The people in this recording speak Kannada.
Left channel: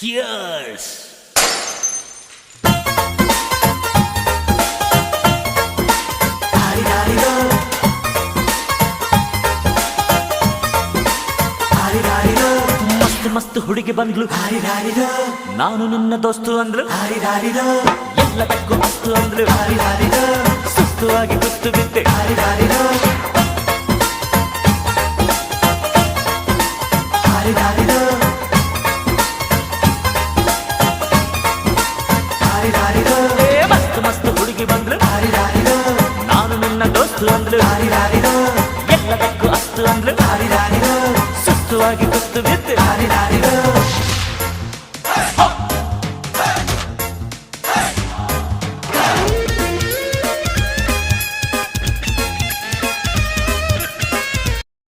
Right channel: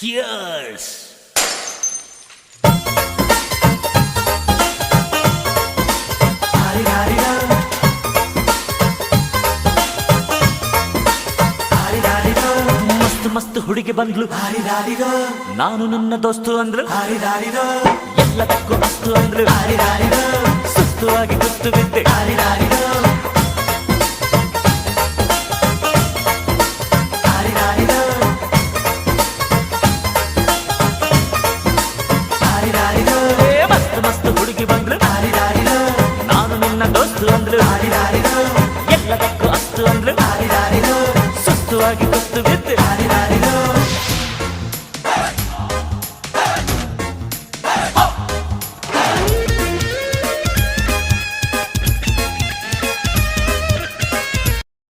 Cheers! ಮಸ್ತ್ ಮಸ್ತ್ ಹುಡುಗಿ ಬಂದ್ಲು, ನಾನು ನಿನ್ನ ದೋಸ್ತು ಅಂದ್ಲು, ಎಲ್ಲದಕ್ಕೂ ಅಸ್ತು ಅಂದ್ಲು, ಸುಸ್ತು ಆಗಿ ಕುಸ್ತು ಬಿದ್ದೆ. ಮಸ್ತ್ ಮಸ್ತ್ ಹುಡುಗಿ ಬಂದ್ಲು, ನಾನು ನಿನ್ನ ದೋಸ್ತು ಅಂದ್ಲು, ಎಲ್ಲದಕ್ಕೂ ಅಸ್ತು ಅಂದ್ಲು, ಸುಸ್ತು ಆಗಿ ಕುಸ್ತು ಬಿದ್ದೆ.